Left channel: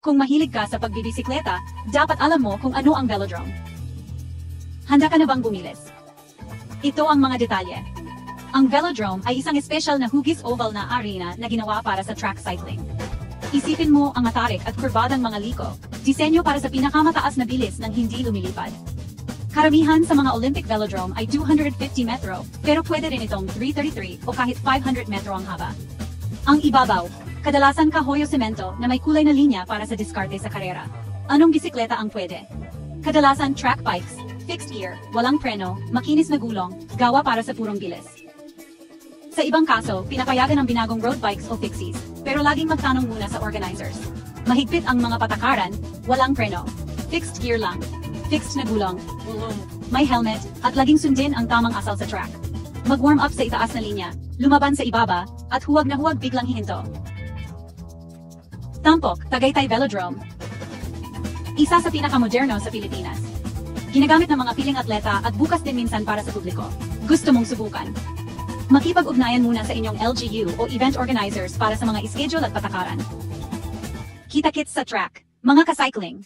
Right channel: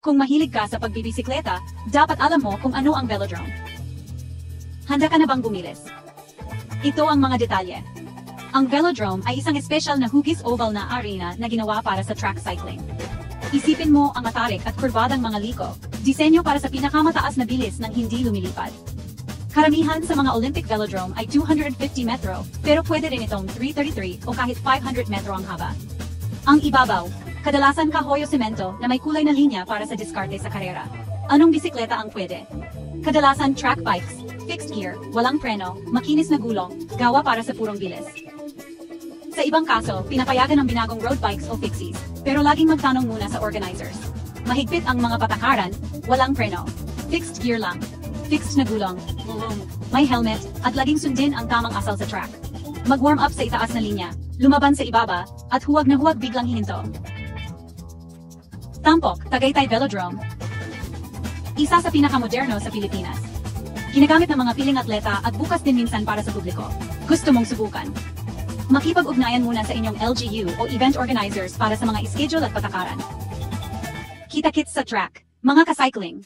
Kung mahilig ka sa pagbibisikleta, dapat alam mo kung ano ang velodrome. Handa ka na bang bumilis? Ito ang mga detalye. Ang velodrome ay isang espesyal na hugis oval na arena na ginawa para sa track cycling. Isipin mo ang matarik at kurbadang mga liko, disenyo para sa pinakamataas na bilis ng hindi lumilipad. Karamihan sa mga Olympic velodrome ay 250 metro, pero pwede rin itong 333 o kahit 500 metro ang haba. Ang ibabaw, kadalasan kahoy o semento na may kulay na linya para sa diskarte sa karera. Anong bisikleta ang pwede? Kadalasan track bikes, fixed gear, walang preno, makinis na gulong, gawa para sa purong bilis. Sa ibang kaso, pinapayagan ang binagong road bikes o fixies, pero laging magtanong muna sa organizers. Mahigpit ang mga patakaran, walang preno, fixed gear lang, fixed na gulong, may helmet, at laging sundin ang tamang asal sa track. Mag-warm up sa itaas na linya, lumaban sa ibaba, at huwag na huwag biglang hihinto. Tampok, Tagaytay Velodrome. Isa sa pinakamoderno sa Pilipinas. Ginagamit ng mga piling atleta at bukas din minsan para sa publiko. Gusto mong subukan? Makipag-ugnayan muna sa inyong LGU o event organizers para sa mga schedule at patakaran. Kita-kits sa track, mga ka-cycling.